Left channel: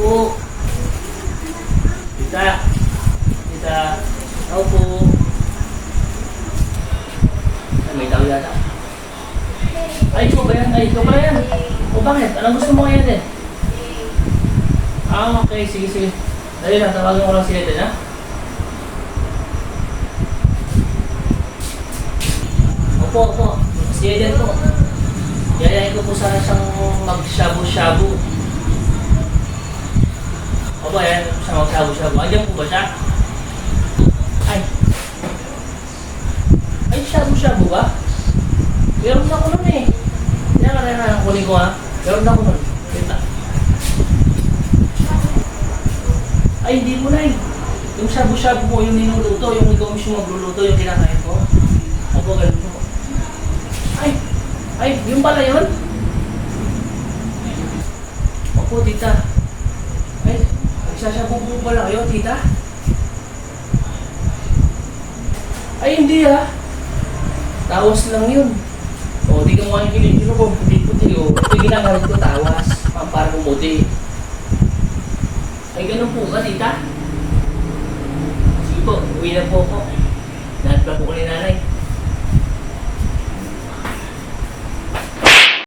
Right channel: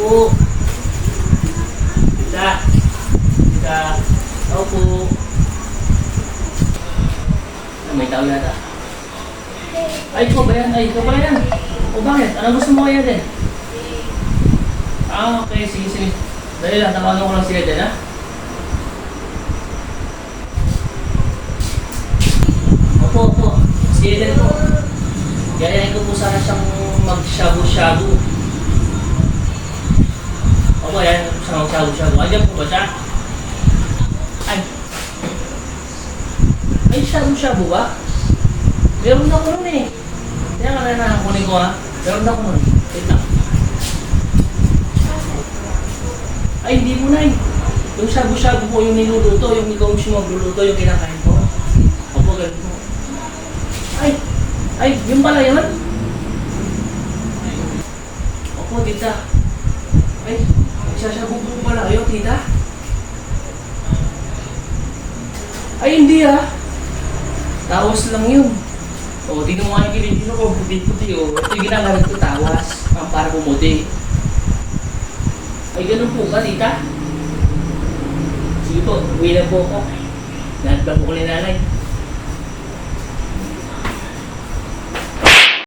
po. Tita. Tita. Tao po. Ah, may tao yata. Ay, ikaw ba yan? Ay, ikaw ba yan? O bakit? Anong gusto mo kaya din? Ah, okay. Sige, sige. Dahil lang, tawagan ko lang si Eden, ha? Opo, opo. Si Eden po. Yayain ko po sana siyang mag-shabu-shabu. Opo, yayain ko po siyang mag-shabu-shabu. Andiyan po ba siya? Ay. Ay, shabu-shabu ba? Meron ako nun eh. Kaya ka na kunin ko ha. Meron ako nun. Wait lang. Ay, hindi mo na eh. Yung shabu-shabu mo, yung niluluto, yung ikaw mismo magluluto, yung kinakain ko. Opo, ganito. Ay, yung pala yun? Opo, tita. Ay, magsasabog po pala kayo, tita? Ay, hindi ah. Tawas lang yun. O, tingnan mo nga yung kilig ko, puti-puti o. Ito yung ginagalit ko, tawas. Para bumuti. Ay, ganun po ka, tita? Sige po, uwi na po ako. Lahat na po ko ni nanay.